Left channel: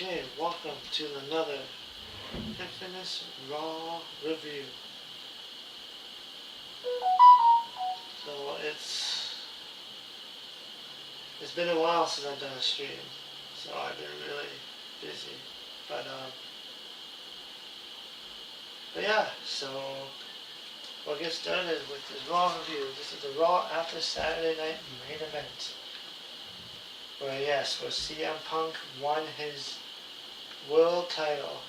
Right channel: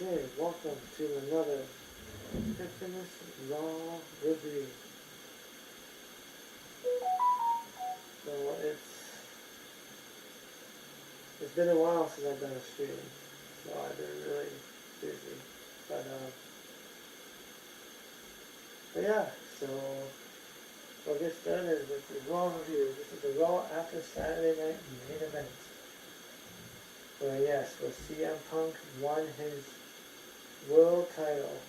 Okay, welcome to another Infamous Raw review. So it's been a while since I've done a stream, so I've been really busy. But yeah, so we'll get started with the Raw review. This is the Raw after Saturday night main event. Where yes, where CM Punk won his world title.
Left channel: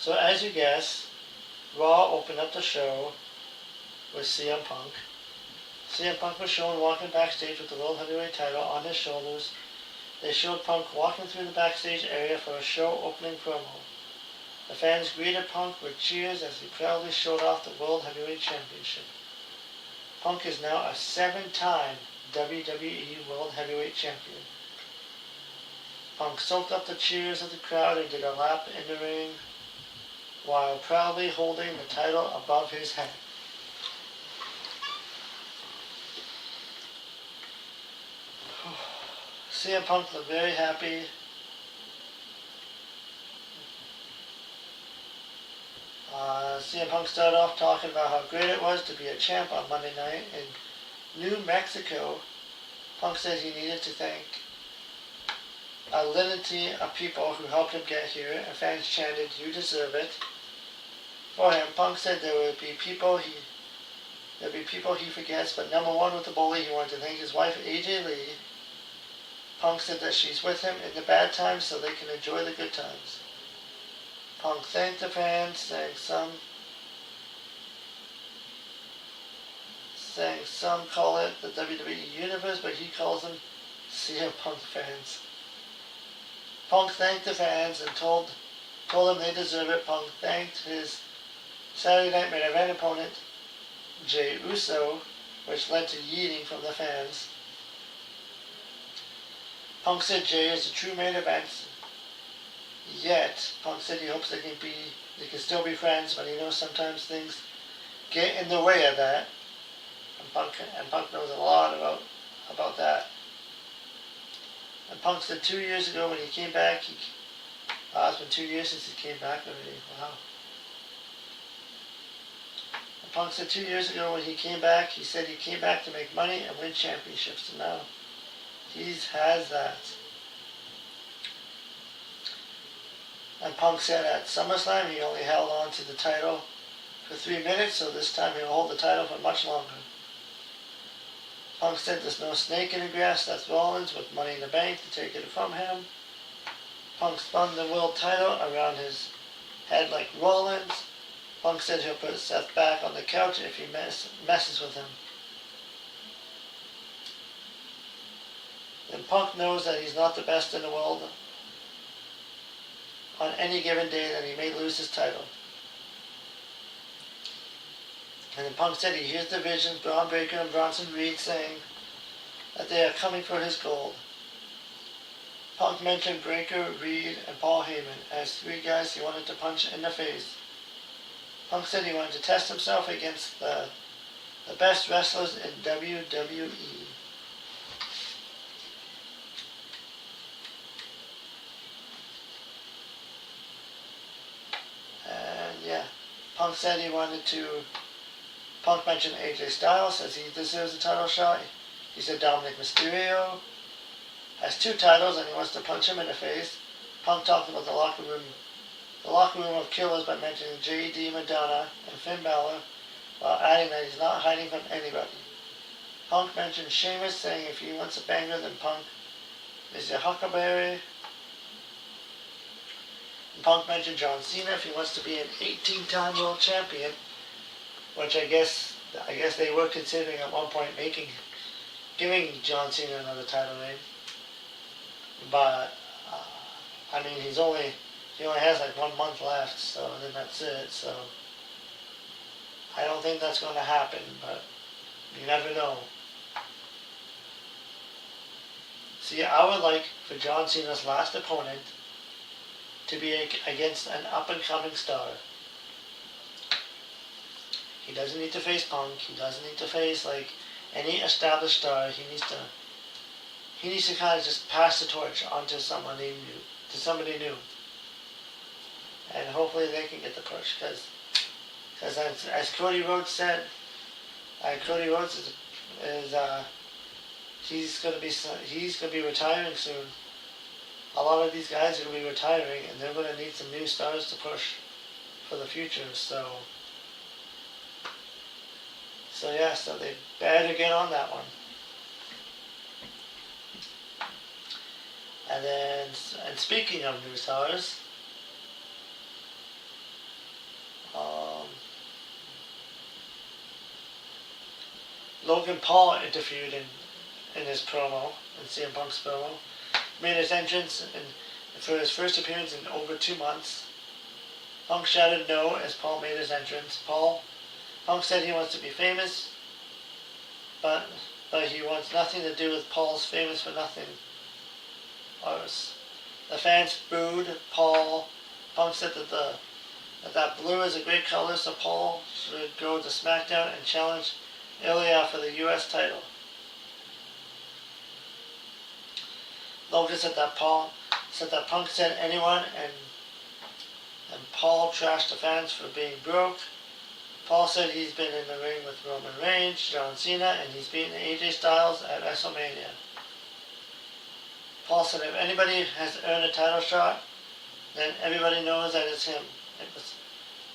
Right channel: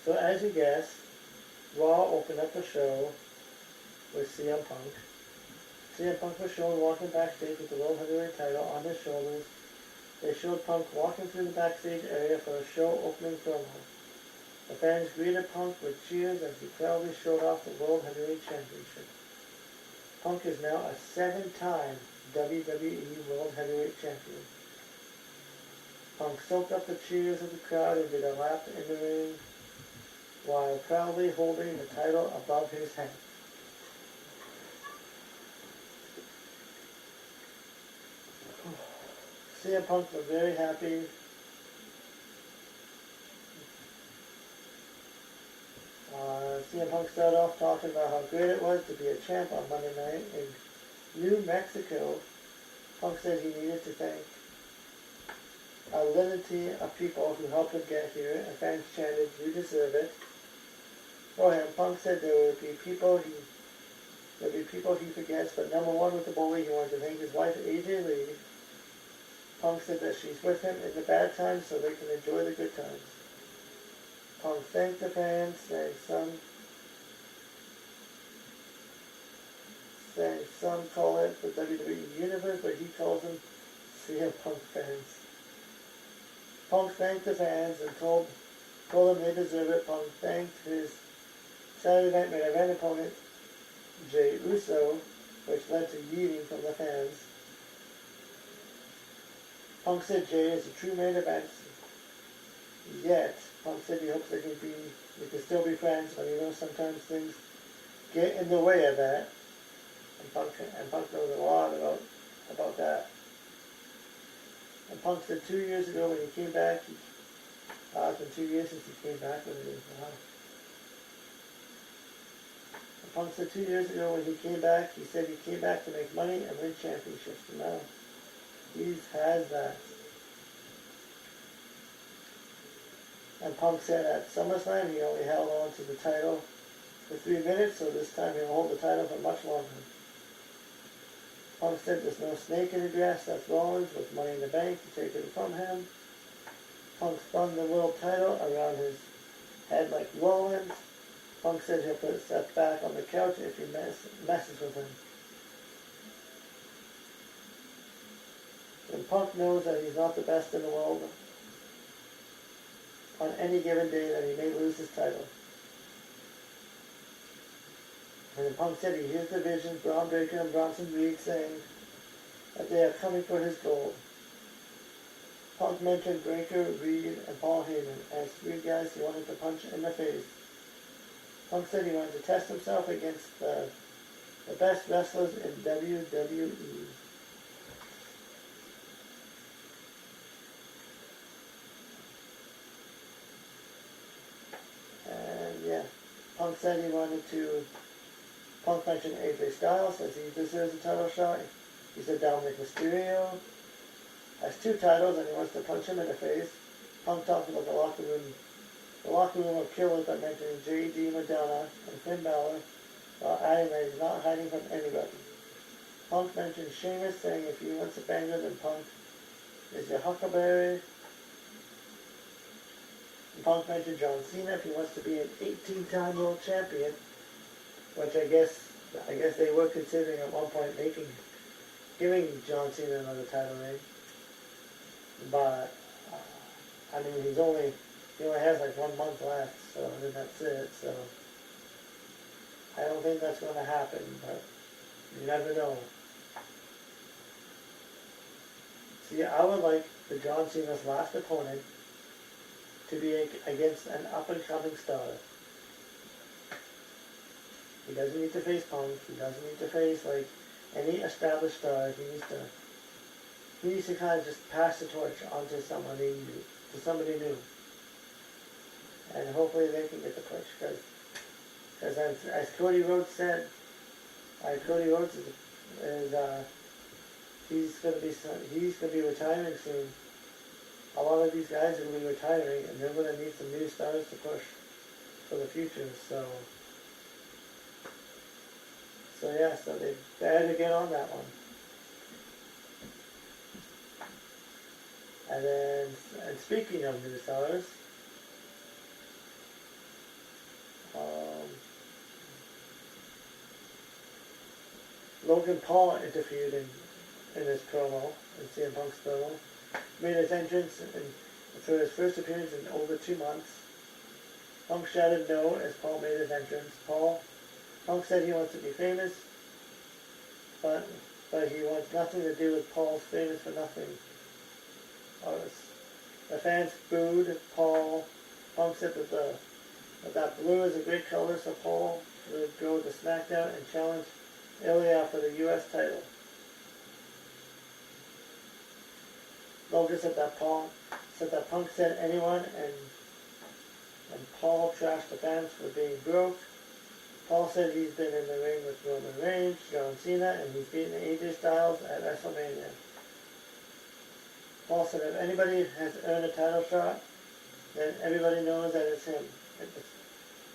So as you guess, Raw opened up the show with CM Punk. CM Punk was shown walking backstage with the World Heavyweight title on his shoulders. They showed Punk walking through the backstage area for a show opening promo. The fans greeted Punk with cheers as he proudly showed off the World Heavyweight Championship. Punk is now a 7-time WWE World Heavyweight Champion. Punk soaked up the cheers of the crowd and did a lap in the ring while proudly holding the title above his head. CM Punk looked very happy. CM Punk started off talking about how great it was to be a champ on Monday night in New Mexico. Punk said he needed to thank a litany of people who helped him get here, and fans chanted, "You deserve it." For him, Punk said there would be people he forgets, but number one with the bully, he wanted to thank his wife, AJ Lee. Punk said that she's with him in the bad times so they can enjoy the good times. Punk thanked the fans, saying some call it the WWE Universe, but he calls them CM Punk fans. Punk thanked the fans and told them they deserve it. Punk thanked his Saturday Night Main Event opponent, Jey Uso, which led to yeeting from the fans. Punk said Jey is a true main event, yet Punk said he hopes they can still be friends, but he knows sometimes things get in the way of that. And Punk knows a lot about that. And Punk said 2 years ago when he came back, it's been 2 years since he came back already. Wow. And Punk said 2 years ago when he came back, he said he came back to make money and win championships. And now he has that. And Punk said at SummerSlam he only held on to the title for 3 minutes, so this time he'll hold the title for much longer. Punk said there's no snake in the grass. Seth Rollins with Money in the Bank to take it from him. Punk spun the world title around his head like Rollins. Punk said he'll put Seth back on the couch if he messes with him. And Punk knows that he's not the best in the world. On any given day that he may lose his title. And then Punk said he hears the visions, Braun Breaker and Bronson Reed saying that they are coming for his gold. Punk mentioned Breaker, Reed, and Paul Heyman as 3 guys he wanted to punch in the face. Punk said he wanted to test himself against the best wrestlers in WWE. And yeah, Punk said he wanted to... Punk mentioned AJ Styles, says he deserves a title shot. He said Dominic Mysterio has 2 titles and he wants to punch him in the face. Punk talked about the locker room of killers by mentioning J.D. Madonna and Finn Balor, while adding that he's not hiding from anybody. Punk mentioned Sheamus, saying if he wants a banger, then Punk is your huckleberry. And Punk mentioned John Cena if he wants to be an 18-time world champion, which I guess they were considering at one point giving John Cena another title reign. But I mean, he only has like 1 month left, so then that's it. So I don't think that's going to happen, but you never know. See, I would like for John Cena's last opponent to be against an up-and-coming star. He doesn't need to face Punk. He doesn't need to face like any established star. he needs to kind of just pass the torch onto somebody new, and hopefully they can get the push. Because as Cody Rhodes said, Cody Rhodes is he's gonna be retiring soon. A lot of these guys are gonna be retiring, and they're gonna need some new stars to push for the future. So yeah, so they better get on that one. And speaking of new stars, Logan Paul interfered in his promo, in CM Punk's promo, made his entrance for his first appearance in over 2 months. Punk shouted no as Paul made his entrance. Punk said he wants to be famous, but he wants nothing to do with Paul's famous for nothing. The fans booed Paul. Punk said that blue is a great color, so Paul should go to SmackDown and challenge Ilya for the U.S. title. Logan said that Punk said anyone, and Paul trashed the fans for being broke. Paul said he's been in the ring with Roman Reigns, John Cena, and he's beaten AJ Styles at WrestleMania. Paul said if anybody has earned a title shot, then everybody knows that it's him.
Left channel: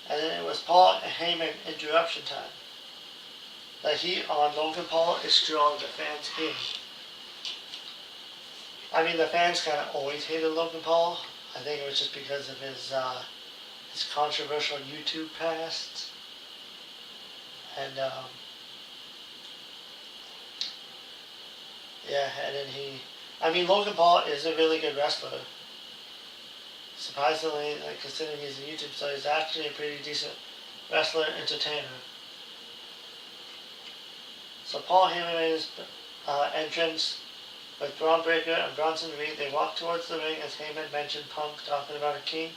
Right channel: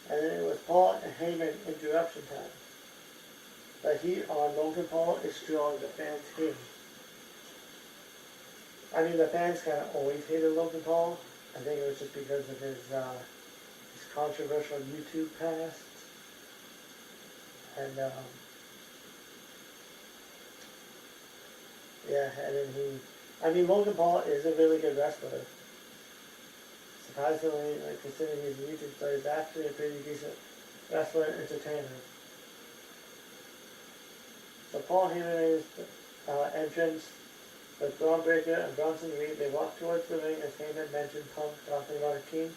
And then it was Paul and Heyman interruption time. The heat on Logan Paul is strong. The fans hate him. I mean, the fans kind of always hated Logan Paul. I think it was just because of his controversial YouTube past. And then Logan Paul is a really good wrestler. Surprisingly, considering he's a YouTube star, he's actually a pretty decent wrestler and entertainer. So Paul Heyman made his entrance with Braun Breaker and Bronson Reed. They walked towards the ring as Heyman mentioned Punk talking about a king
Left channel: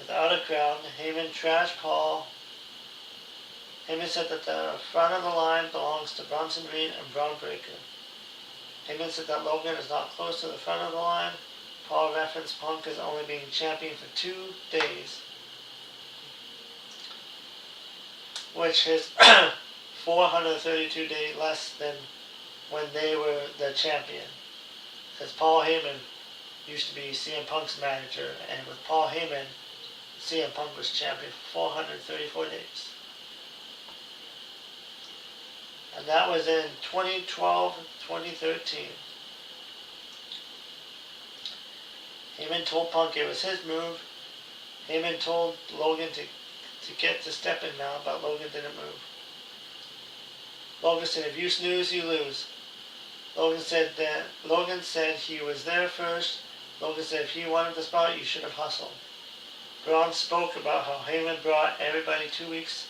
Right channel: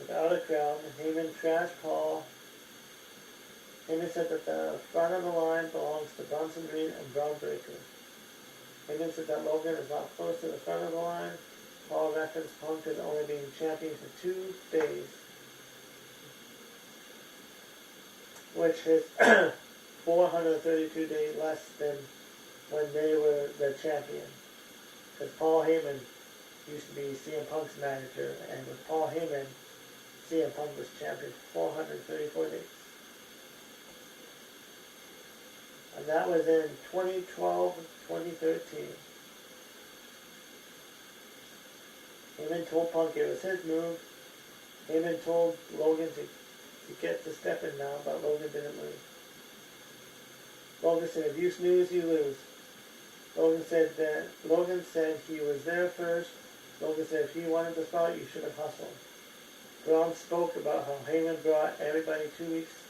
without a crown. Heyman trashed Paul. Heyman said that the front of the line belongs to Bronson Reed and Braun Breaker. Heyman said that Logan is not close to the front of the line. Paul referenced Punk as only being champion for 2 days, which is 432 days less than when they were the champion. Because Paul Heyman used to be CM Punk's manager, and with Paul Heyman, CM Punk was champion for 434 days. And that was in 2012, 2013. Heyman told Punk it was his move. Heyman told Logan to get to stepping now, but Logan didn't move. Logan said, if you snooze, you lose. Logan said he was there first. Logan said if he wanted the spot, you should have hustled. Braun spoke about how Heyman brought everybody 2 weeks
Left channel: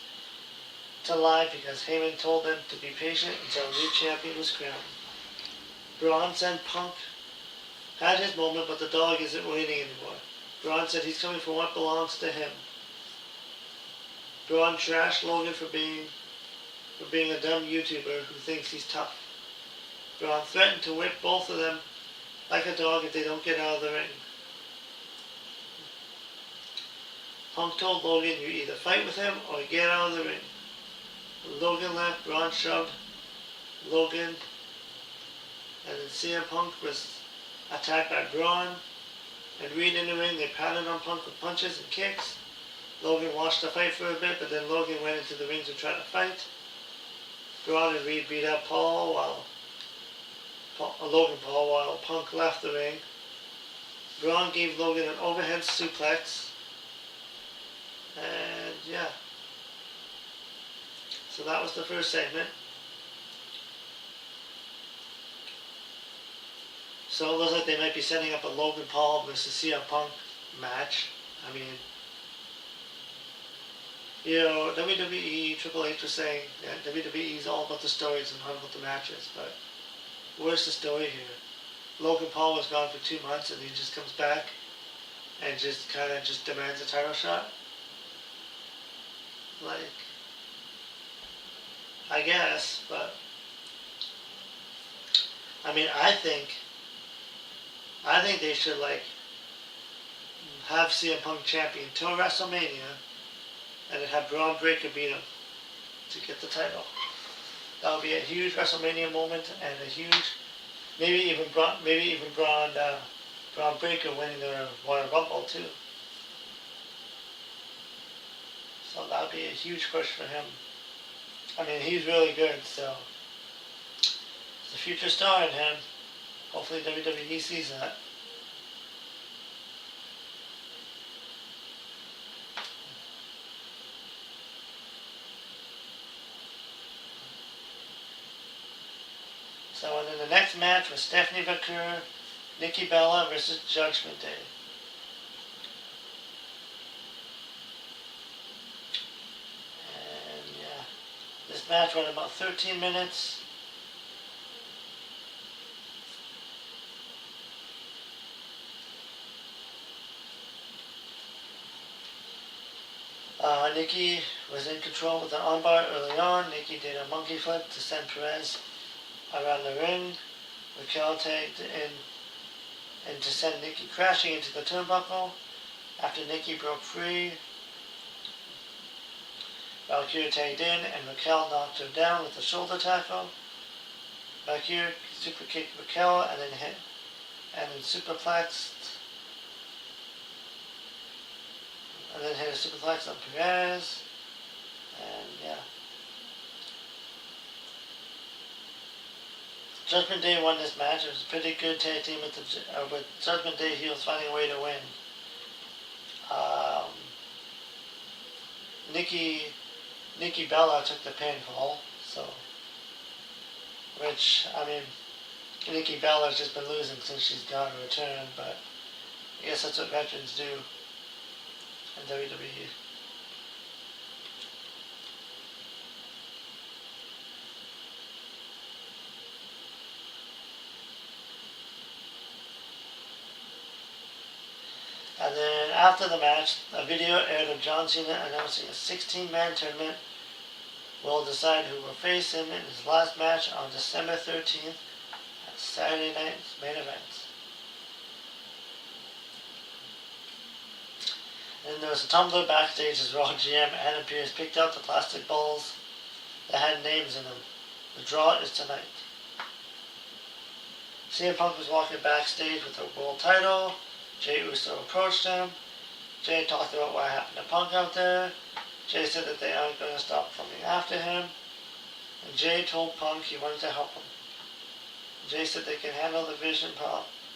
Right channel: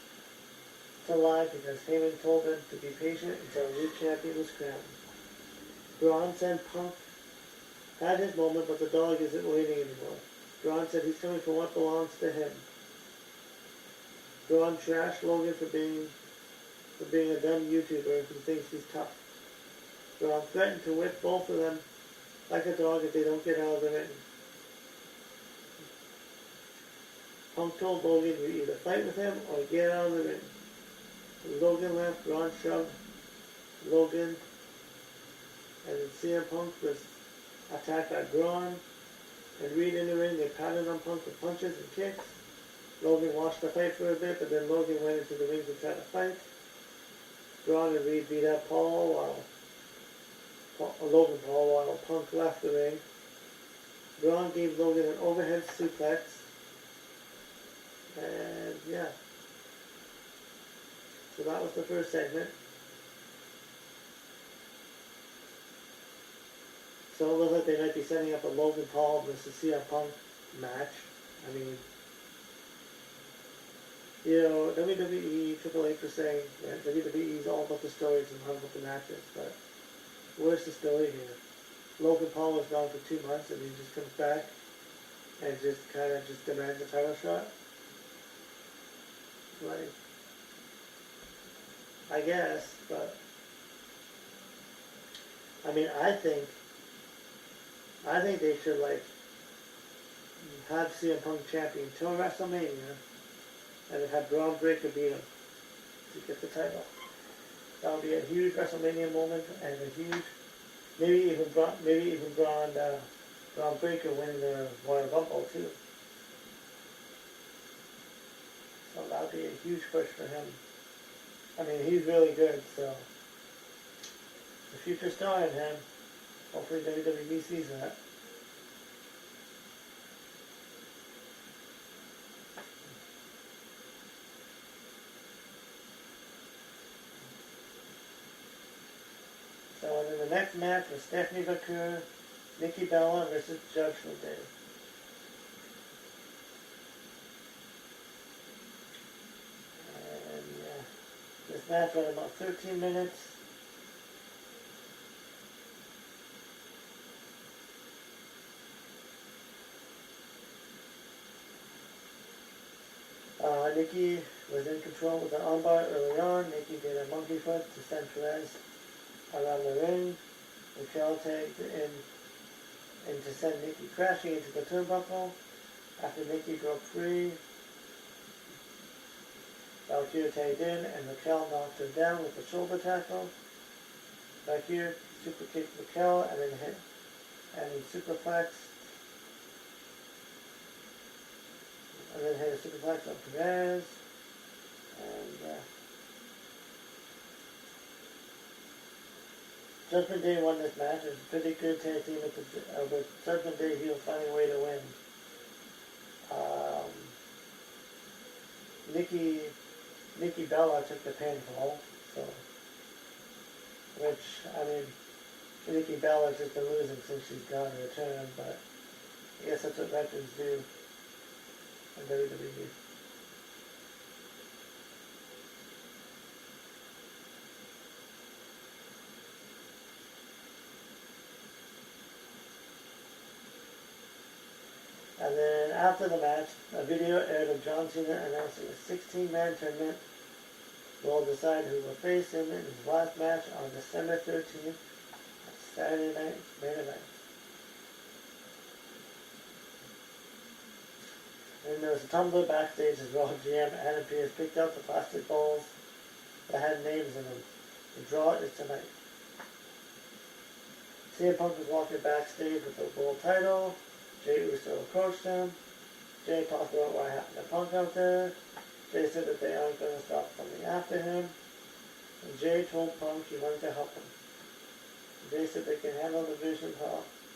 to lie because Heyman told them to be patient until a new champion was crowned. Braun said Punk had his moment, but the dog isn't waiting anymore. Braun said he's coming for what belongs to him. Braun trashed Logan for being a dumb YouTuber who thinks he's tough. Braun threatened to whip both of them like a dog if they don't get out of the ring. Punk told Logan, you either fight with him or get out of the ring. Logan left, Braun shoved Logan, and then CM Punk was attacked by Braun and Reed in the ring. They pounded on Punk with punches and kicks. Logan watched the fight for a bit, but then Logan went into the ring to try to fight. Braun and Reed beat up Logan Paul while Punk left the ring. Braun gave Logan an overhead suplex. And yeah. So that was the first segment. So it looks like they might be setting up a Logan Paul versus CM Punk match. I mean, WWE, Triple H was saying that WWE is all about the stories and not about the matches, but where's the story here? Logan Paul was gone for 2 months and he just comes back and just kind of just demands a title shot? Like, I guess, but I mean, I think I think they should have CM Punk champion till WrestleMania, and then have Braun Breaker beat him to get the title. That would be a huge WrestleMania moment, and a huge, maybe even Braun Breaker winning the Royal Rumble too. So that would be a huge push for him. I mean, he's really good, so it's a future star in him. Hopefully WWE sees that. So and then the next match was Stephanie McClure, Nikki Bella versus Judgment Day. And yeah, this match went about 13 minutes. Nikki was in control with an armbar early on. Nikki did a monkey flip to send Perez around the ring. Raquel tagged in and to send Nikki crashing into the turnbuckle. After Nikki broke free, Valkyrie tagged in and Raquel knocked her down with a shoulder tackle. Valkyrie super kicked Raquel and then superplexed. And then hit a superplex on Perez. And yeah. Judgment Day won this match. It was a pretty good tag team with Judgment Day heels finding a way to win. Nikki Bella took the pinfall, so which I mean, Nikki Bella's just been losing since she's got her return, but I guess that's what veterans do in WWE. And then after the match, a video aired of John Cena announcing a 16-man tournament will decide who will face him in his last match on December 13th at Saturday night's main event. And there was a tumbler backstage as Raw GM Adam Pearce picked out the plastic balls that had names in them. The draw is tonight. CM Punk was walking backstage with the world title. Jey Uso approached him. Jey talked about what happened to Punk out there. Jey said that they aren't going to stop coming after him. And Jey told Punk he wanted to help him. Jey said they can handle the vision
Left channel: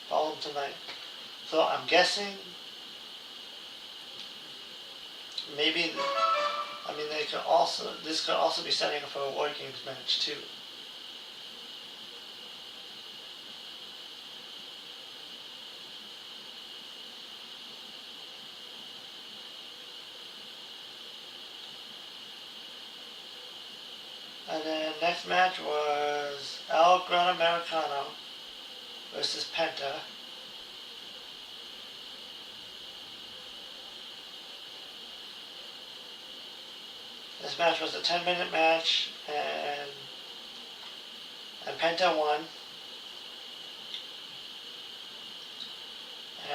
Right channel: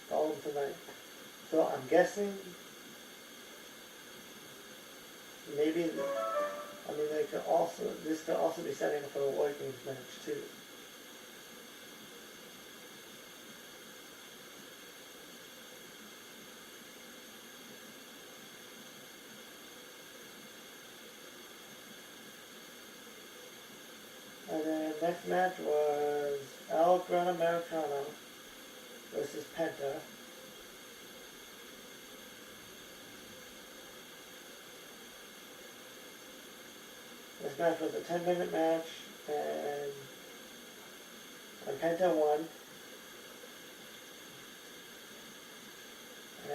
problem tonight. So I'm guessing maybe, this could also be setting up for a War Games match too. And then next match was El Gran Americano versus Penta. This match was a 10-minute match, and Penta won.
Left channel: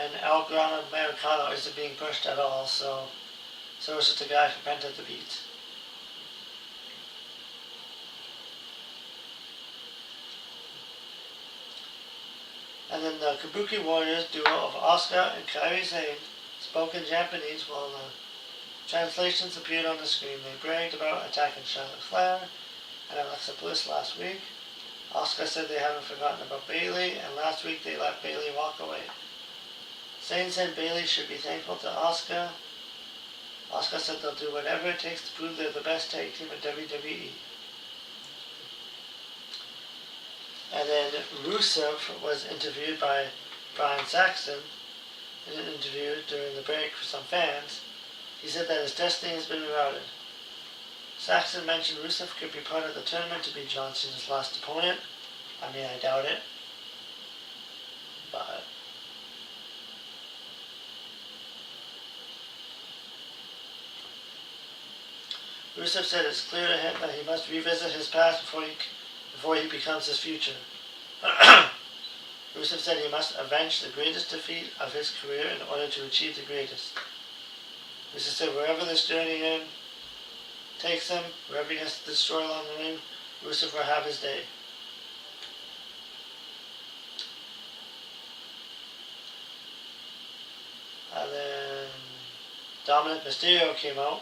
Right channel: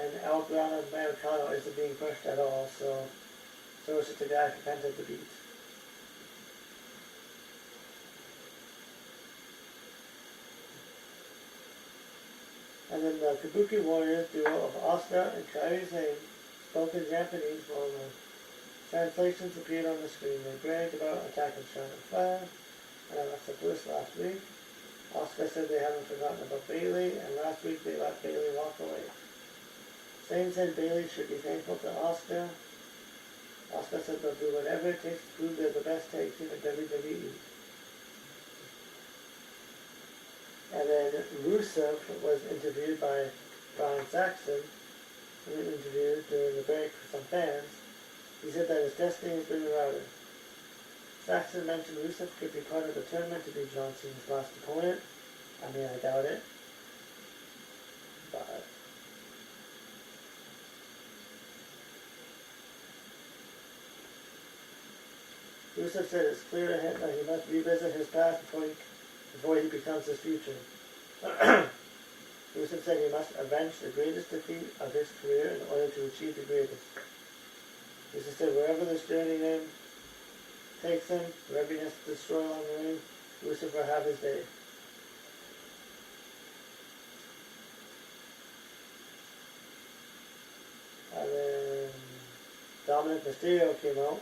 And El Gran Americano isn't being pushed at all, so it's just a guy for Penta to beat. And then the Kabuki Warriors duo of Asuka and Kairi Sane spoke in Japanese while the translations appeared on the screen. They bragged about attacking Charlotte Flair and Alexa Bliss last week. Asuka said they haven't forgotten about Bayley, and last week they let Bayley walk away. Sane said Bayley should be thankful to Asuka. Asuka said they'll do whatever it takes to prove they're the best tag team in WWE. And then Rusev was interviewed by Brian Saxton in an interview during the break for some fans. He said that his destiny has been routed. Saxton mentioned Rusev could be part of the tournament to be John Cena's last opponent. I mean, I doubt it. But Rusev said it's clear to him that he must revisit his past before he becomes his future. Rusev said he must avenge the greatest defeat of his career in order to achieve the greatest. Rusev said wherever this journey takes him, wherever he has to destroy along the ring, Rusev will have his day. And then Dominic Mysterio came out.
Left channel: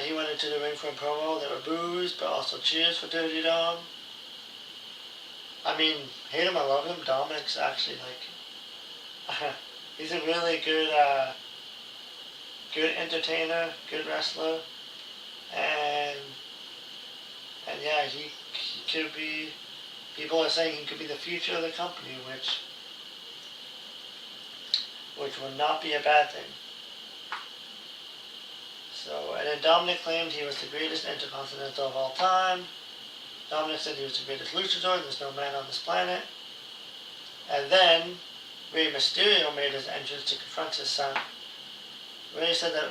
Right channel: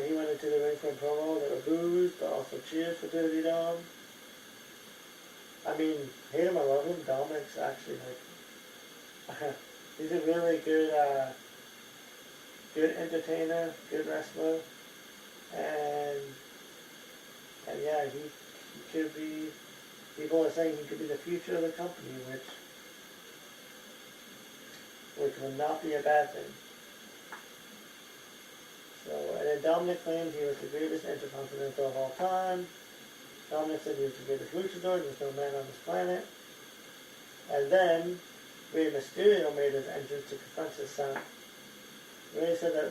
He went into the ring for a promo. There were boos, but also cheers for Dirty Dom. I mean, hate him, I love him. Dominic's actually he's a really good entertainer, good wrestler, and yeah, he could be. People are saying he could be the future of the company, which would not be a bad thing. So, and then Dominic claimed he was the greatest Intercontinental of all time. Dominic said he was the greatest luchador, there's no man on this planet. And then, Rey Mysterio made his entrance to confront his son. Rey said that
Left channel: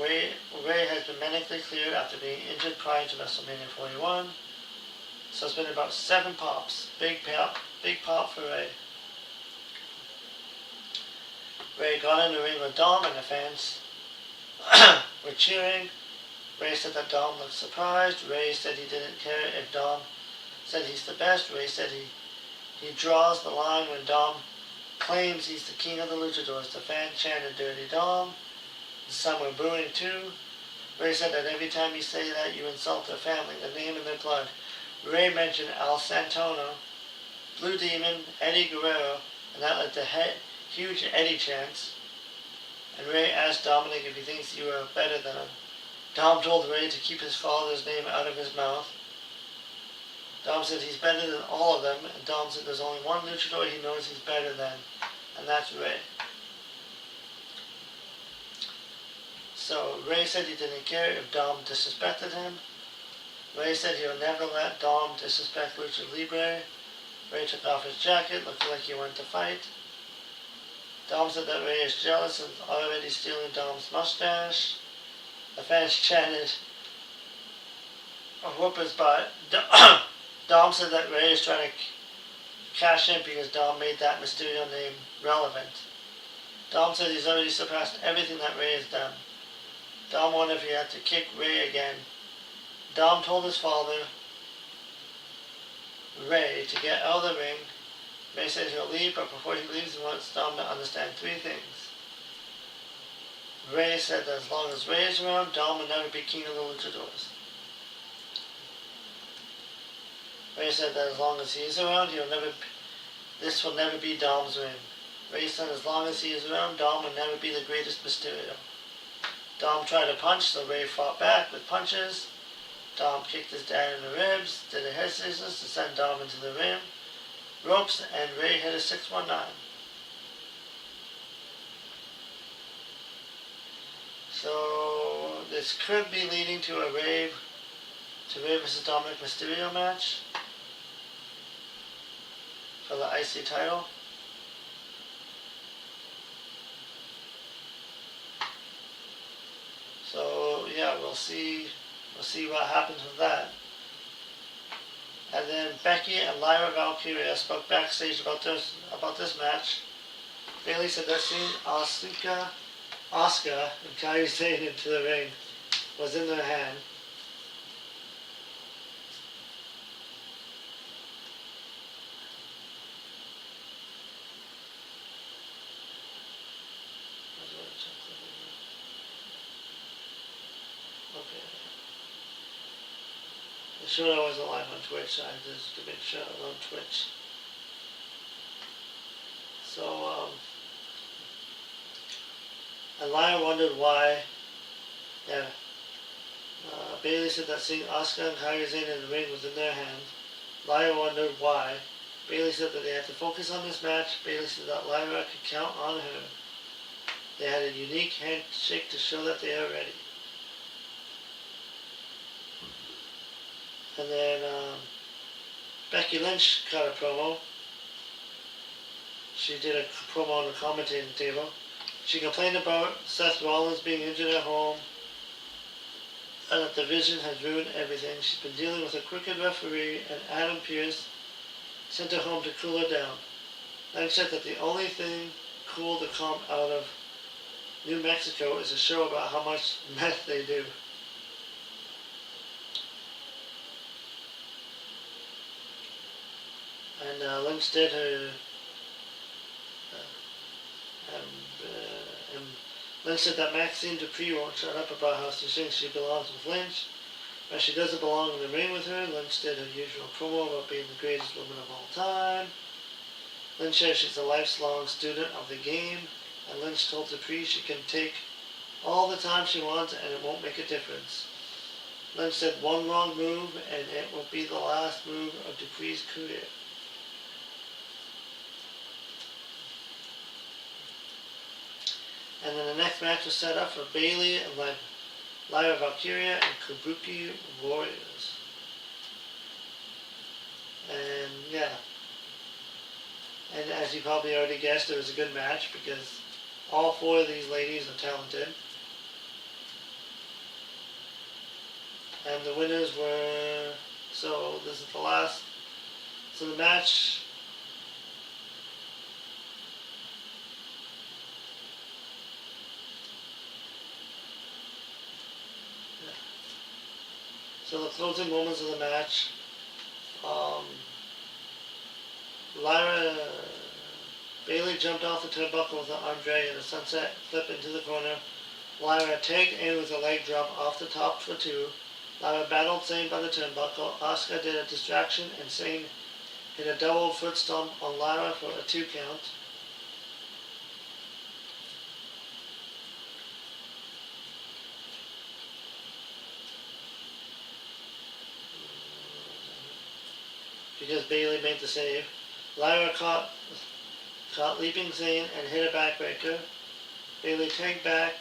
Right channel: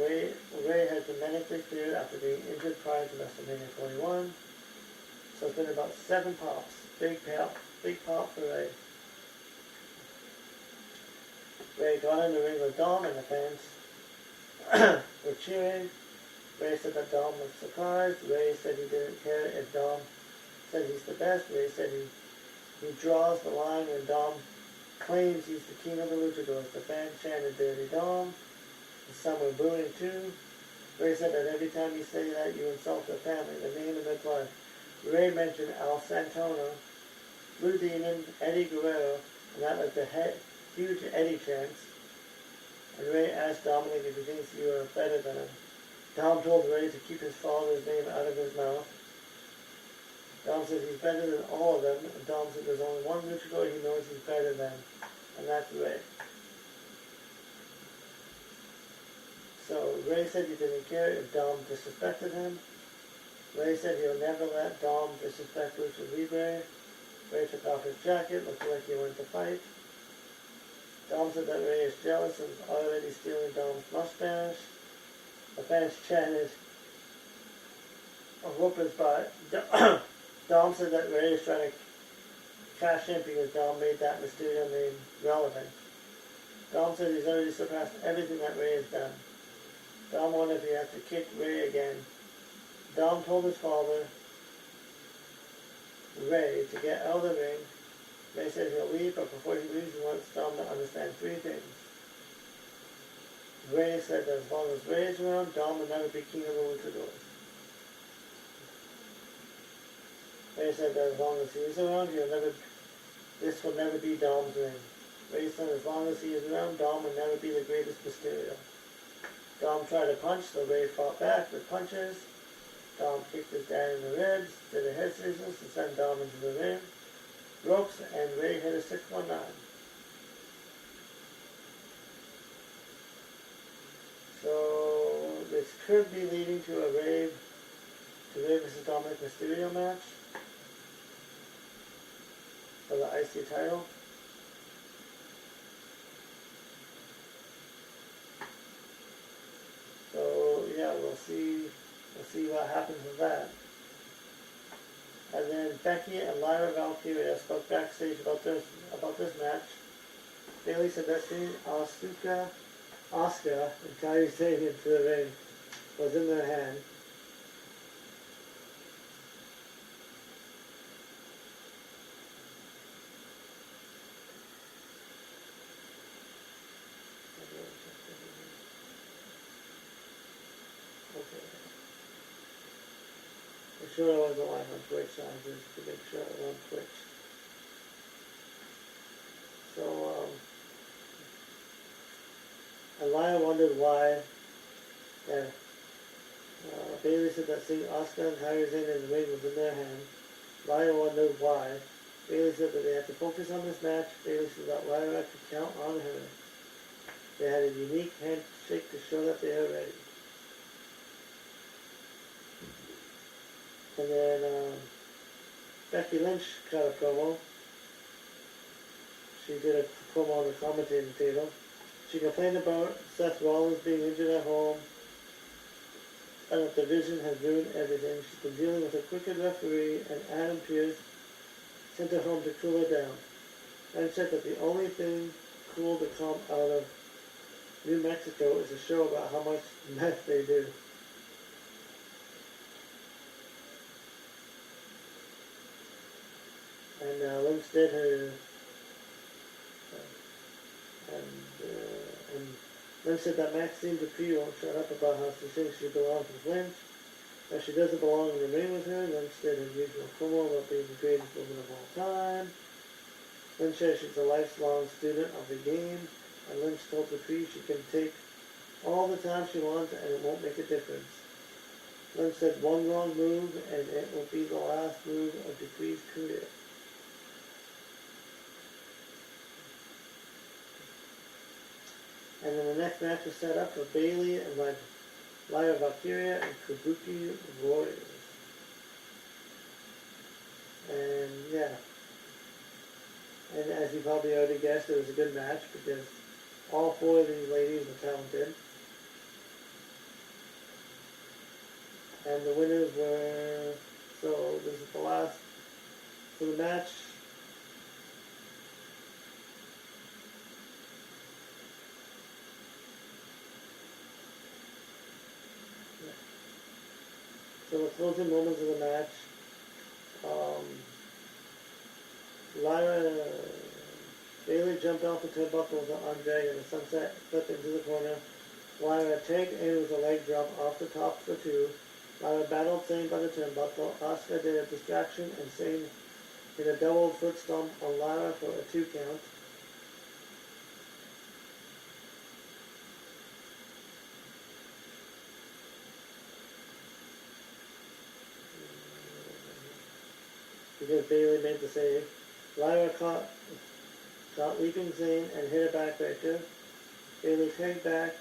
Ray has been medically cleared after being injured prior to WrestleMania 41. So it's been about 7 pops. Big pop for Ray. Ray got in the ring with Dom and the fans were cheering. Ray said that Dom looked surprised. Ray said he didn't care if Dom said he's the best. Ray said he draws the line when Dom claims he's the king of the luchadors. The fans chanted Dirty Dom. Some were booing too. Ray said that every time you say that, you insult their family, the name and their blood. Ray mentioned Al Santana, Blue Demon, Eddie Guerrero, and that led to huge Eddie chants. And Ray asked Dominic if he thinks you are better than him. Dom told Ray to keep his father's name out of his mouth. Dom said he's better than all of them, and Dom said there's only one luchador he knows he's better than, and that's Ray. So Ray said he didn't care if Dom disrespected him. Ray said he'll never let Dom disrespect Lucha Libre. Ray took off his jacket, looking like he went to fight. Dom said that Ray is jealous and is already stealing Dom's mustache. The fans chanted a whooper's butt. Dom said that Ray is trying to cash in because Dom made that Mysterio name relevant. Dom said he's already surpassed everything that Ray has done. Dom wondered if he had to kick Ray again. Dom told his father, Ray, to get out of the ring. Ray said he'll leave, but before he leaves, he wants Dom to understand 3 things. Ray said that as long as Ray is around, Dom will never be king of the luchadors. Ray said that as long as he is around, this will never be Dom's reign. Ray said as long as he is around, Dom will never be the greatest Mysterio. Dom tried to punch, so Ray fought back with punches. Dom kicked his dad in the ribs, did a head scissors to send Dom into the ropes, and Ray hit a 619. So this could be leading to a Ray vs. Dominic Mysterio match for the IC title. So yeah, we'll see what happens with that. And then Becky and Lyra Valkyria spoke backstage about this match. Bayley said that seeing Asuka and Kairi Sane into the ring was in their hand. Okay. I'm sure I wasn't live on Twitch, so I just to make sure I'm on Twitch. So, and Lyra wondered why, Bayley said that seeing Asuka and Kairi Sane in the ring was in their hands. Lyra wondered why. Bayley said that they had to focus on this match. Bayley said that Lyra could count on her. They had a unique handshake to show that they are ready. And then Becky Lynch cut a promo. She did a promo on the commentating table. She complained about Seth Rollins being injured at home and that the Vision has ruined everything. She's been dealing with a crooked referee and Adam Pearce sent her home to cool her down. Lynch said that the only thing cool to come out of New Mexico is a show about how much meth they do. And Lynch did her. And Lynch said that Maxine Dupree won't shut up about how she thinks she belongs with Lynch, but she doesn't belong in the ring with her. Lynch did her usual promo about being the greatest woman of all time. Lynch says she's a lifelong student of the game, and Lynch told Dupree she can take all the time she wants and it won't make a difference. Lynch said one wrong move and it will be the last move of Dupree's career. And then the next match was set up for Bayley and Lyra Valkyria and Kabuki Warriors. And yeah. And as you probably already guessed, it was a good match because all four of these ladies are talented. And the winners were, so this is the last, so the match, so the closing moments of the match, Bayley jumped off the turnbuckle with an arm drag and a sunset flip into the corner. Lyra tagged in with a leg drop off the top for two. Lyra battled Sane by the turnbuckle. Asuka did a distraction and Sane hit a double foot stomp on Lyra for a 2 count. Because Bayley made the save. Lyra caught leaping Sane and hit a backbreaker. Bayley tagged back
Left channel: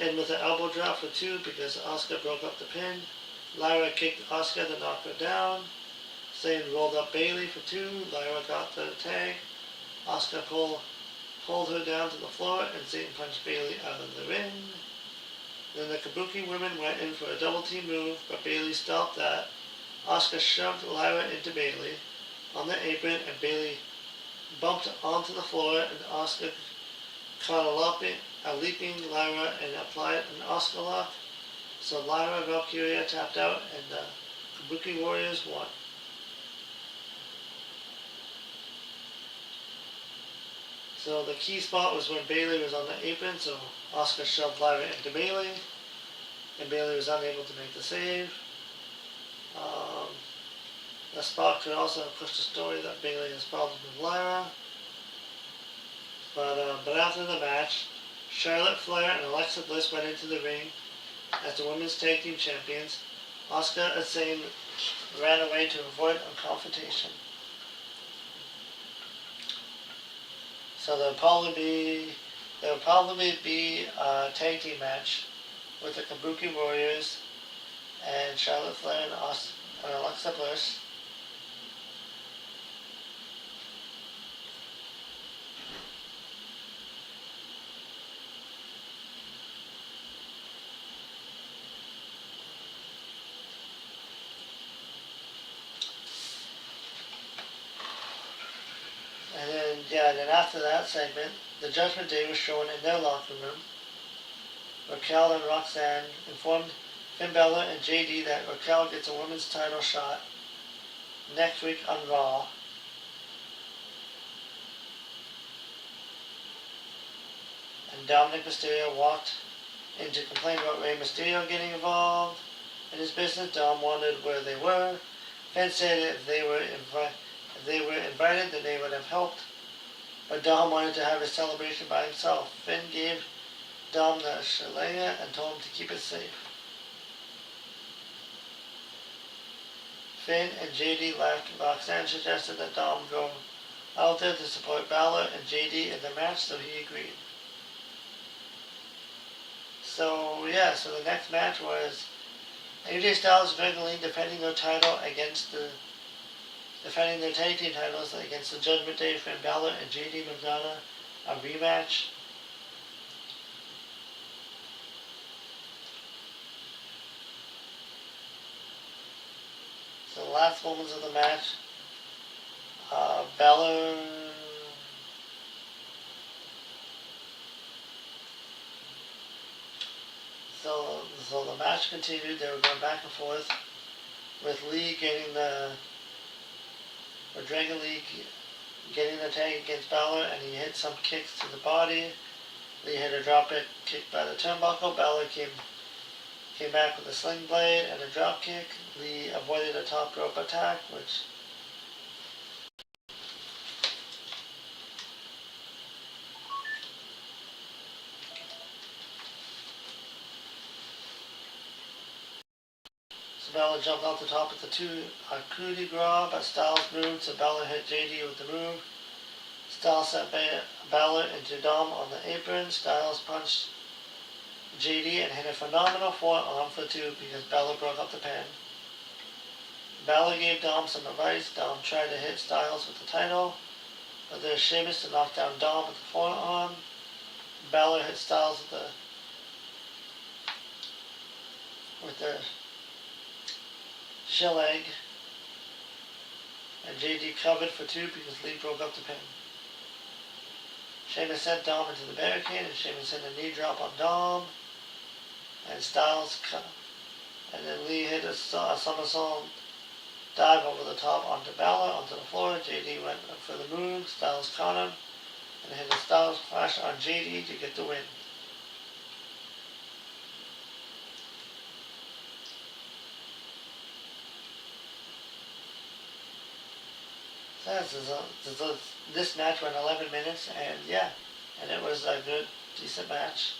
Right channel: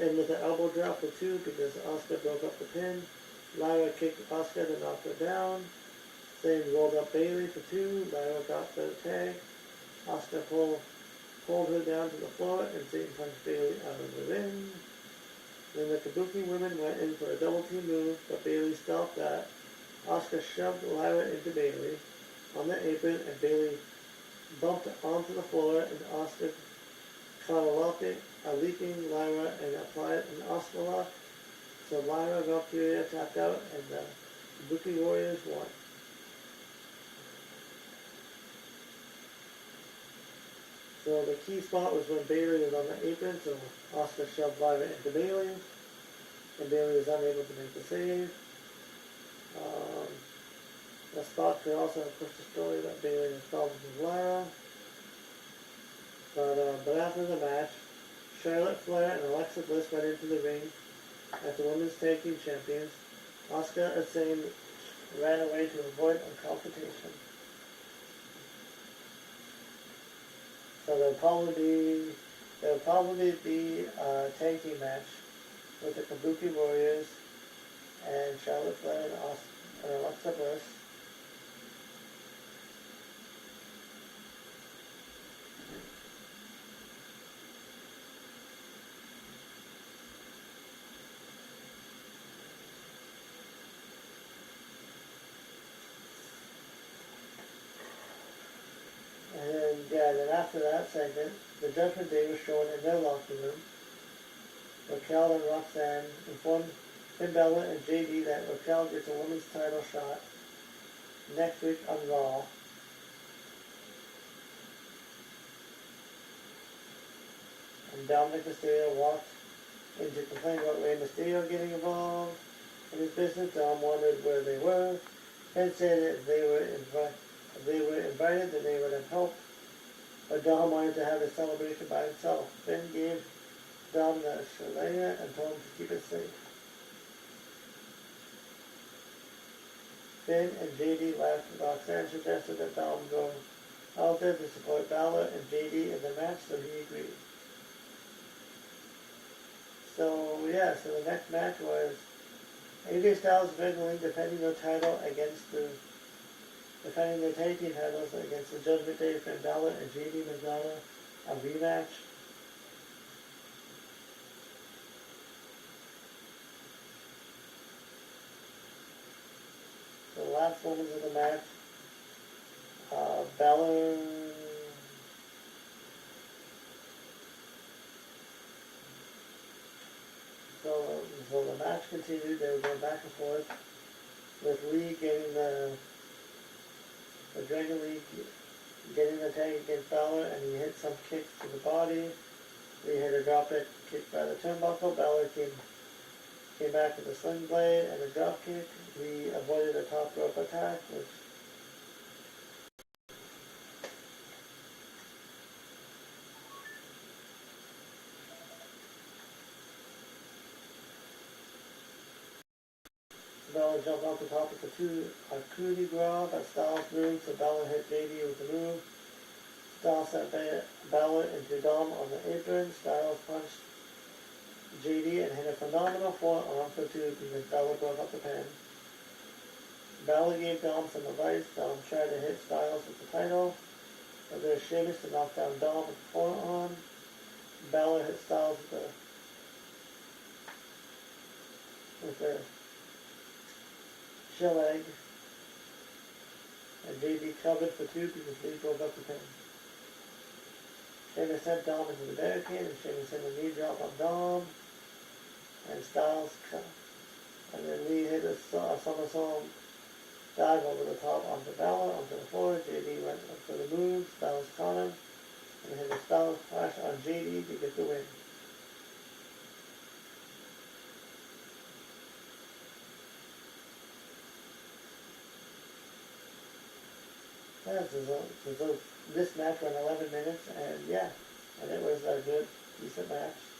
in with an elbow drop for 2 because Asuka broke up the pin. Lyra kicked Asuka to knock her down. Sane rolled up Bayley for 2. Lyra got the tag. Asuka pulled her down to the floor and Sane punched Bayley out of the ring. Then the Kabuki women went in for a double team move, but Bayley stopped that. Asuka shoved Lyra into Bayley on the apron and Bayley bumped onto the floor and Asuka caught a leaping Lyra and applied an Asuka lock. So Lyra Valkyria tapped out and the Kabuki Warriors won. So the key spot was when Bayley was on the apron, so Asuka shoved Lyra into Bayley and Bayley was unable to make the save. The spot could also have pushed the story that Bayley has problems with Lyra. But after the match, Charlotte Flair and Alexa Bliss went into the ring as the women's tag team champions. Asuka and Sane ran away to avoid a confrontation. So there'll probably be a tag team match with the Kabuki Warriors and Charlotte Flair and Alexa Bliss. And then after that segment, the Judgment Day was shown in their locker room. Raquel and Roxanne informed Finn Balor and JD that Raquel gets a women's title shot next week on Raw. And Dominic Mysterio walked in to complain about Rey Mysterio getting involved in his business. Dom wondered where they were. Finn said if they were invited, then they would have helped. But Dom wanted to have his celebration by himself. Finn gave Dom the shillelagh and told him to keep it safe. Finn and JD left. Roxanne suggested that Dom go out there to support Balor and JD in the match, so he agreed. So yeah, so the next match was AJ Styles and Becky Lynch defending their tag team titles against the Judgment Day, Finn Balor and JD McDonough, a rematch. So the last moments of the match, Balor. So the match continued. They were going back and forth with Lee getting or Dragon Lee getting the tag against Balor, and he hit some kicks to the body. Lee hit a drop kick by the turnbuckle. Balor came back with a sling blade and a drop kick. Lee avoided a top rope attack, which so Balor jumped off the top of the coup de grace, but Styles moved, so Balor hit JD with the move. Styles sent Balor into Dom on the apron. Styles punched JD and hit a phenomenal forearm for two because Balor broke up the pin. Balor gave Dom some advice. Dom tried to hit Styles with the title, but there's Sheamus to knock down Dom with the forearm. Balor hit Styles with the shell egg, and JD covered for two because Lee broke up the pin. Sheamus sent Dom into the barricade, and Sheamus sent a knee drop on Dom, and Styles cut, and then Lee hit a somersault dive over the top onto Balor, onto the floor. JD went for the move. Styles caught him and hit a Styles Clash on JD to get the win. This match went 11 minutes, and it was a good, decent match.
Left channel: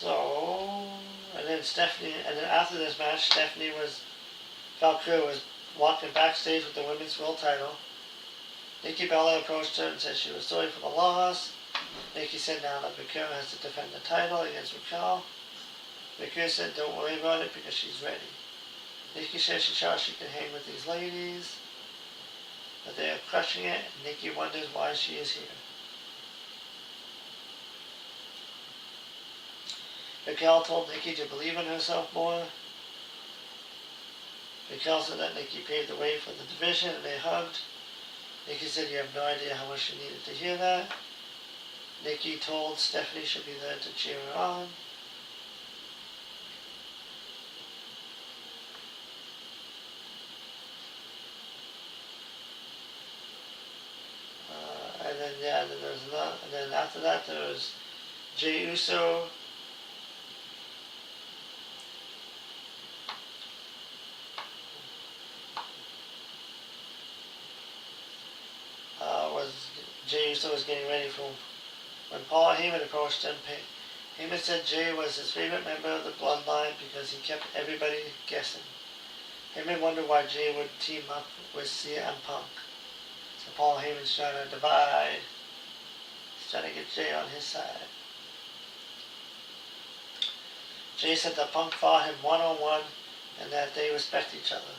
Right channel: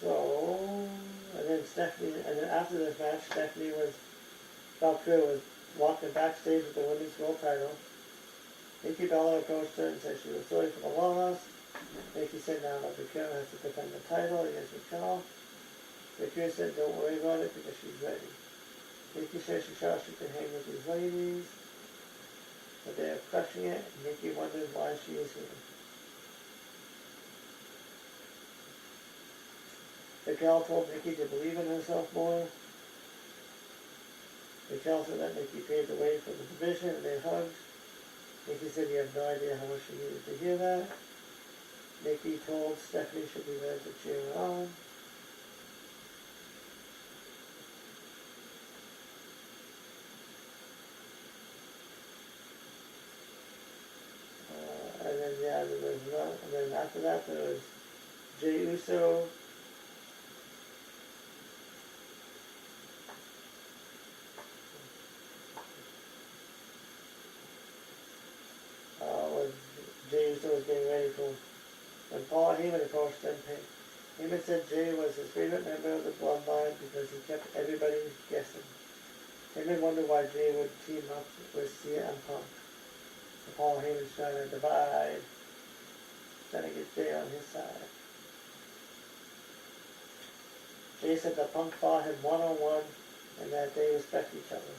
So, and then after this match, Valkyria was walking backstage with the women's world title. Nikki Bella approached her and said she was sorry for the loss. Nikki said now that Valkyria has to defend the title against Raquel. Valkyria said don't worry about it because she's ready. Nikki said she thought she could hang with these ladies, but they are crushing it, and Nikki wonders why she is here. Raquel told Nikki to believe in herself more. Raquel said that Nikki paved the way for the division, and they hugged. Nikki said you have no idea how much she needed to hear that. Nikki told Stephanie she'd be there to cheer her on. And then after that there was Jey Uso. Jey Uso was getting ready for when Paul Heyman approached him. Heyman said Jey was his favorite member of the bloodline because he kept everybody guessing. Heyman wondered why Jey would team up with CM Punk. So Paul Heyman's trying to divide. He's trying to get Jey on his side. Jey said that Punk fought him one-on-one and that they respect each other.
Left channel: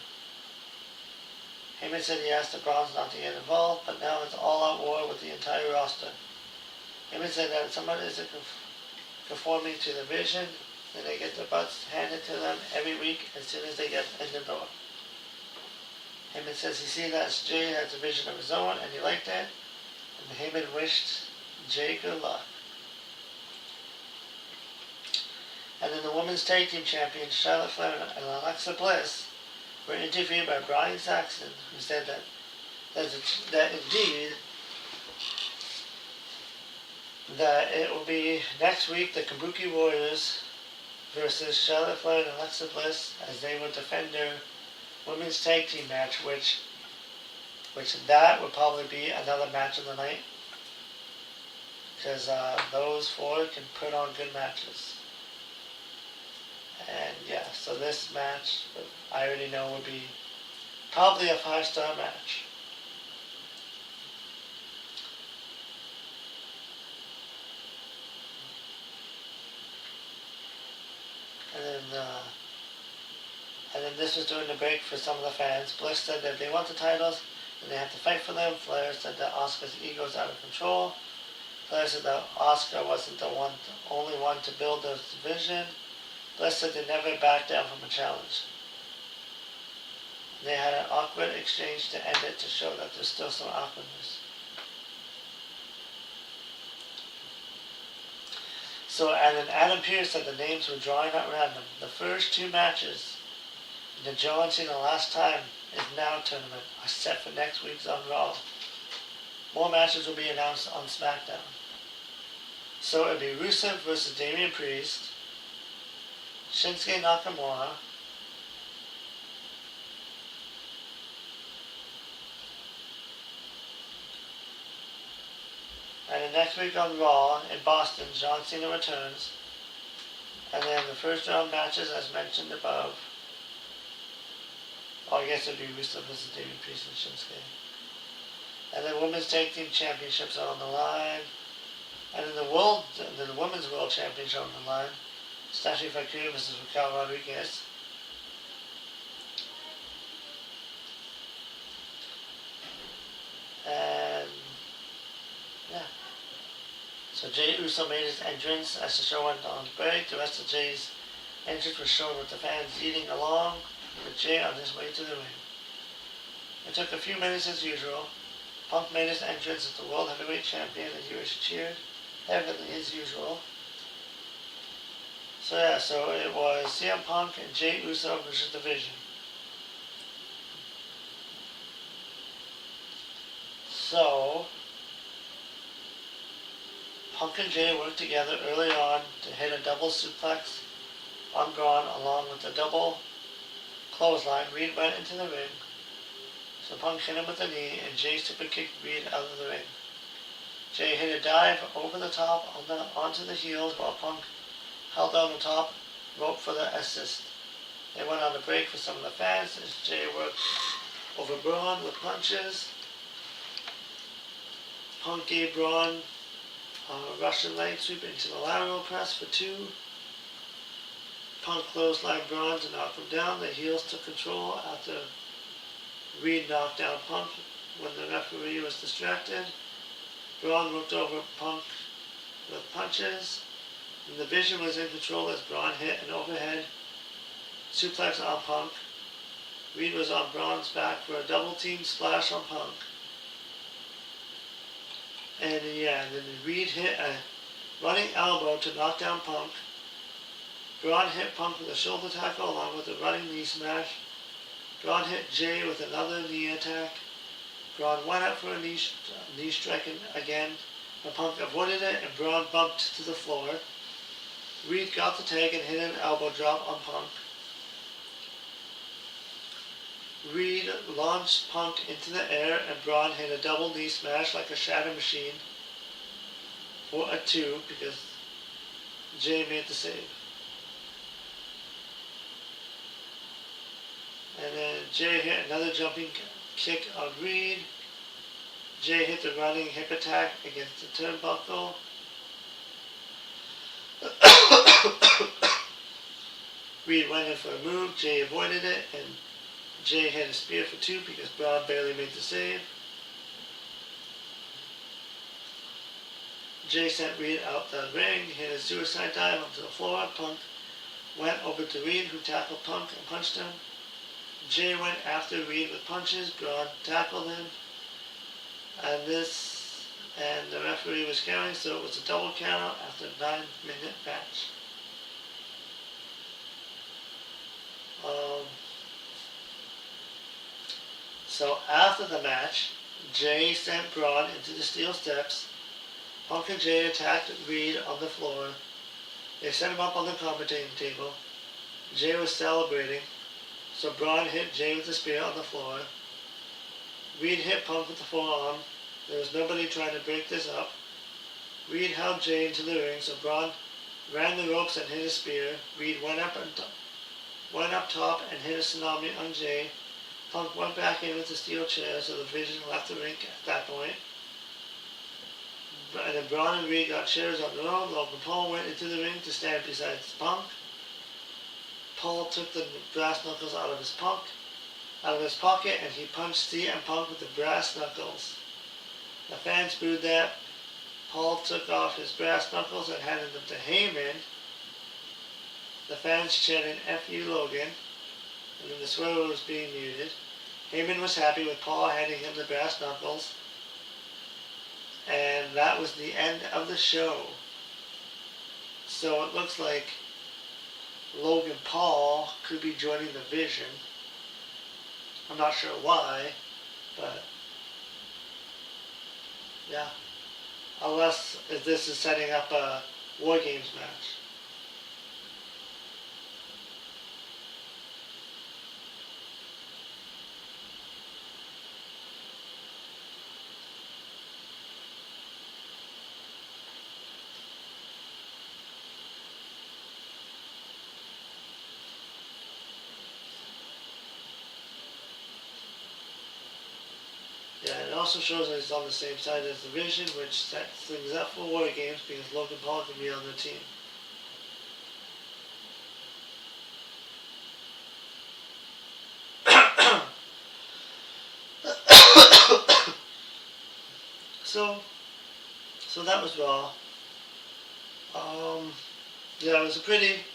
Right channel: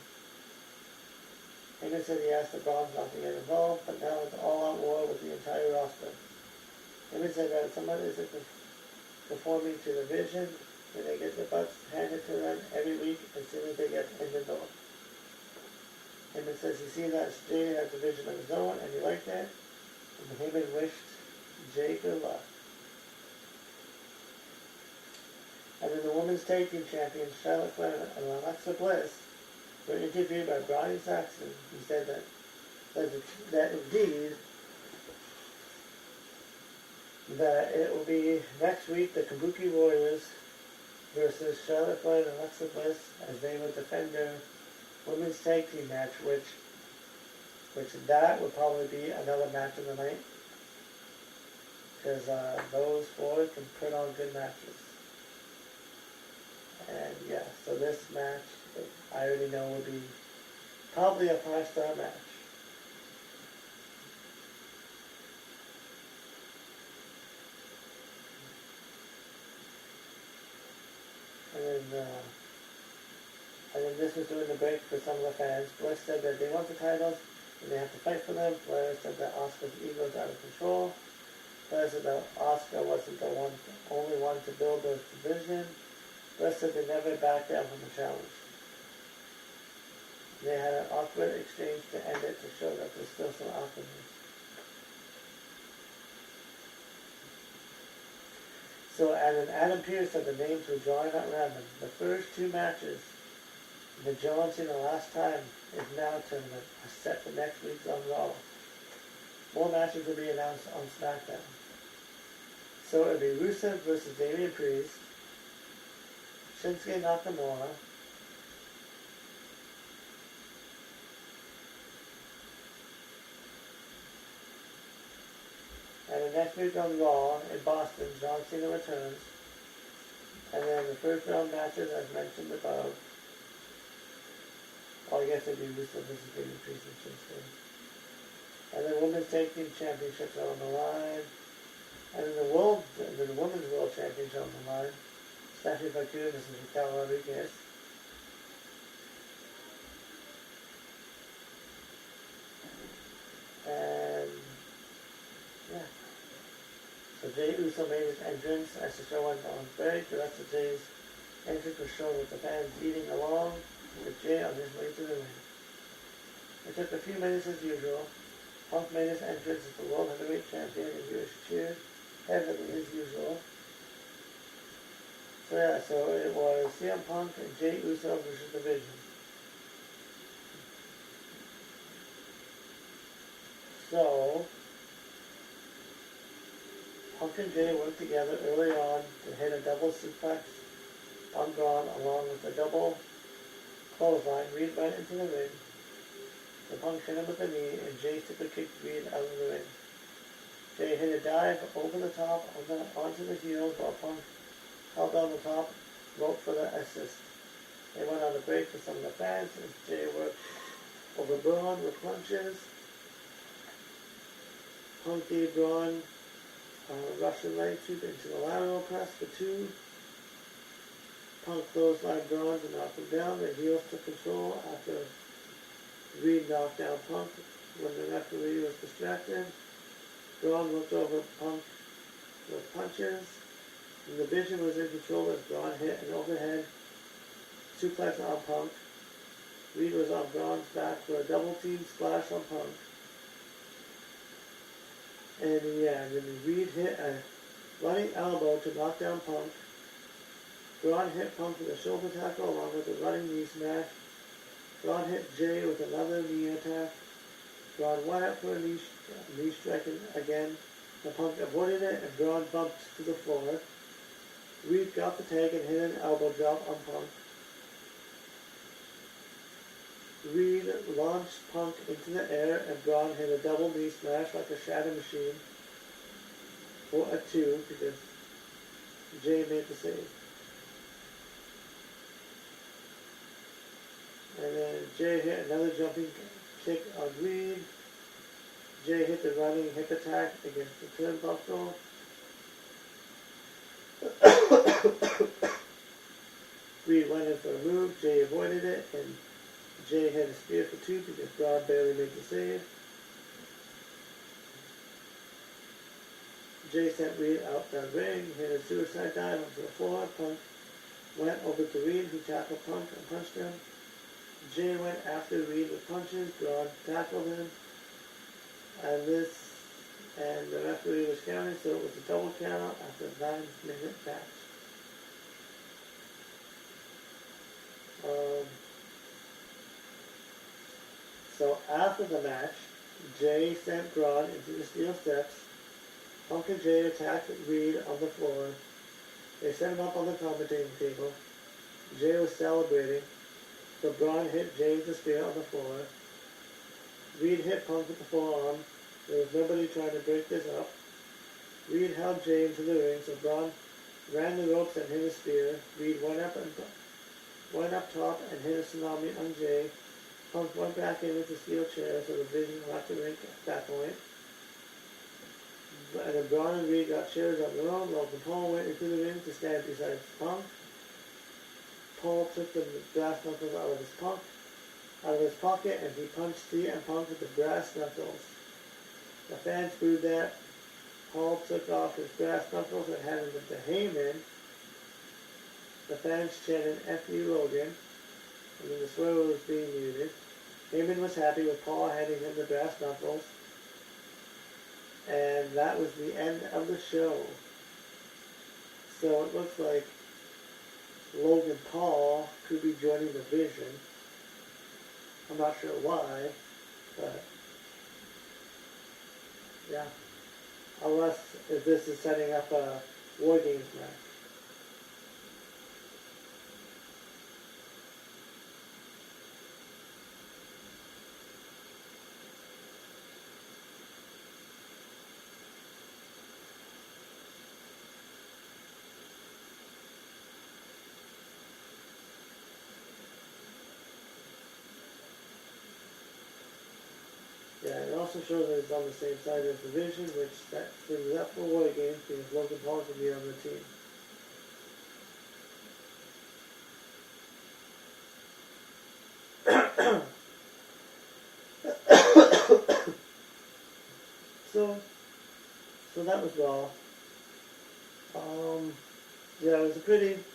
Heyman said he asked the Browns not to get involved, but now it's all-out war with the entire roster. Heyman said that if somebody isn't conforming to the vision, then they get their butts handed to them every week as soon as they get in the door. Heyman says he sees that Jey has a vision of his own, and he liked that, and Heyman wished Jey good luck. And then the women's tag team champions, Charlotte Flair and Alexa Bliss, were interviewed by Brian Saxon, who said that indeed that it will be next week the Kabuki Warriors versus Charlotte Flair and Alexa Bliss as they will defend their women's tag team match, which that would probably be another match of the night because those four can put on good matches. And yeah, so this match, I already know, would be probably a 5-star match. And then this was during the break for some of the fans. Bliss said that if they want the titles, then they have to fight for them. Flair said that Asuka's ego is out of control. Flair said that Asuka wasn't the only one to build this division. Bliss said they never backed down from a challenge. They had an awkward exchange to end it to show that there's still some awkwardness. So, and then Adam Pearce said the names were drawing at random. The first two matches in the John Cena Last Time is Now tournament are set for next week's on Raw. More matches will be announced on SmackDown. So it'll be Rusev versus Damian Priest, Shinsuke Nakamura, and then next week on Raw in Boston, John Cena returns. And then the first round matches, as mentioned above. Oh, I guess it would be Rusev versus Damian Priest and Shinsuke. And then Women's Tag Team Championships are on the line. And then the Women's World Championship on the line. Stephanie Foucault versus Raquel Rodriguez. And yeah. So Jey Uso made his entrance as the show went on break. The rest of Jey's entrance was shown with the fans eating along with Jey on his way to the ring. It took a few minutes as usual. Punk made his entrance as the World Heavyweight Champion and he was cheered heavily as usual. So yeah, so it was CM Punk and Jey Uso versus the Vision. So Punk and Jey worked together early on to hit a double suplex on Braun along with a double clothesline. Reed went into the ring. So Punk hit him with a knee and Jey super kicked Reed out of the ring. Jey hit a dive over the top onto the heels while Punk held on the top rope for the assist. They went on a break for some of the fans as Jey worked over Braun with punches. Punk gave Braun a Russian leg sweep into the lateral press for 2. Punk clotheslined Braun to knock him down. The heels took control after Reed knocked down Punk when the referee was distracted. Braun roped over Punk with punches. And the Vision was in control as Braun hit an overhead suplex on Punk. Reed was on Braun's back for a double team splash on Punk. And then Reed hit a running elbow to knock down Punk. Braun hit Punk with a shoulder tackle along with a running knee smash. Braun hit Jey with another knee attack. Braun went up for a knee strike again, but Punk avoided it and Braun bumped to the floor. Reed got the tag and hit an elbow drop on Punk. Reed launched Punk into the air and Braun hit a double knee smash like a shatter machine for a 2 because Jey made the save. And then Jey hit another jumping kick on Reed. Jey hit the running hip attack against the turnbuckle. Reed went in for a move. Jey avoided it and Jey hit a spear for 2 because Braun barely made the save. Jey sent Reed out the ring, hit a suicide dive onto the floor. Punk went over to Reed, who tackled Punk and punched him. Jey went after Reed with punches. Braun tackled him. And the referee was counting, so it was a double count after a 9-minute match. So after the match, Jey sent Braun into the steel steps. Punk and Jey attacked Reed on the floor. They set him up on the commentating table. Jey was celebrating, so Braun hit Jey with a spear on the floor. Reed hit Punk with the forearm. There was nobody trying to break this up. Reed held Jey into the ring, so Braun ran the ropes and hit a spear. Reed went up top and hit a tsunami on Jey. Punk went back in with the steel chair, so the Vision left the ring at that point. And then Braun and Reed got chairs on their own. Logan Paul went into the ring to stand beside Punk. Paul took the brass knuckles out of his pocket, and he punched CM Punk with the brass knuckles. The fans booed that. Paul took off his brass knuckles and handed them to Heyman. the fans chanted "F you Logan," and then the sweater was being muted. Heyman was happy with Paul handing him the brass knuckles. And that was the end of the show. So it looks like Logan Paul could be joining the Vision. I'm not sure why, but yeah. Unless if this is setting up a War Games match. Yeah, it also shows that he's on the same side as the Vision, which sets things up for War Games because Logan Paul can be on the team. So that was Raw. Yeah, it was a pretty.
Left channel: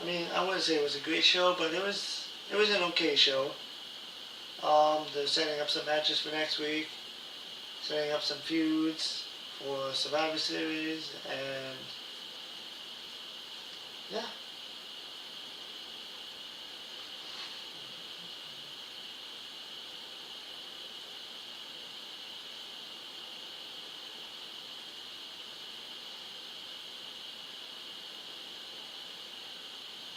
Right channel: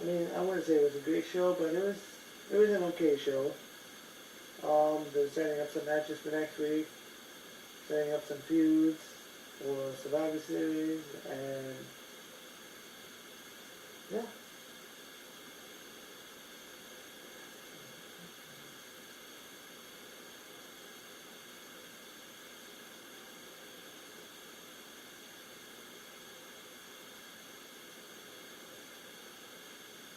I mean, I wouldn't say it was a great show, but it was an okay show. They're setting up some matches for next week, setting up some feuds for Survivor Series, and yeah.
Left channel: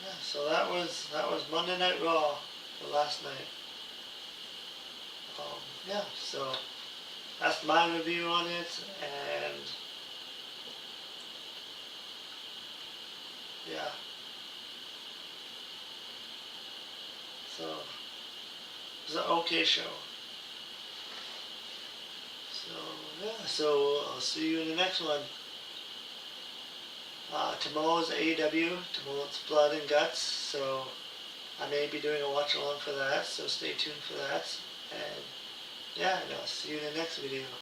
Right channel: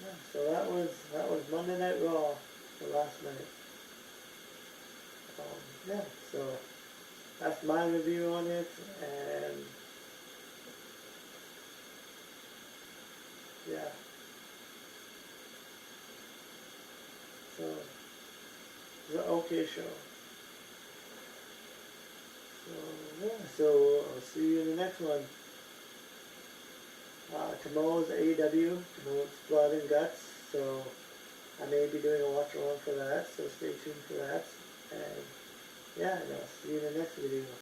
Yeah, so that was Monday Night Raw for last night. Yeah, so that's my review on it, and yeah, so it's an okay show. So yeah, so I'll see you in the next one. Tomorrow's AEW, tomorrow's Blood and Guts, so I may be doing a watch along for that, so stay tuned for that. And yeah, and I'll see you in the next video.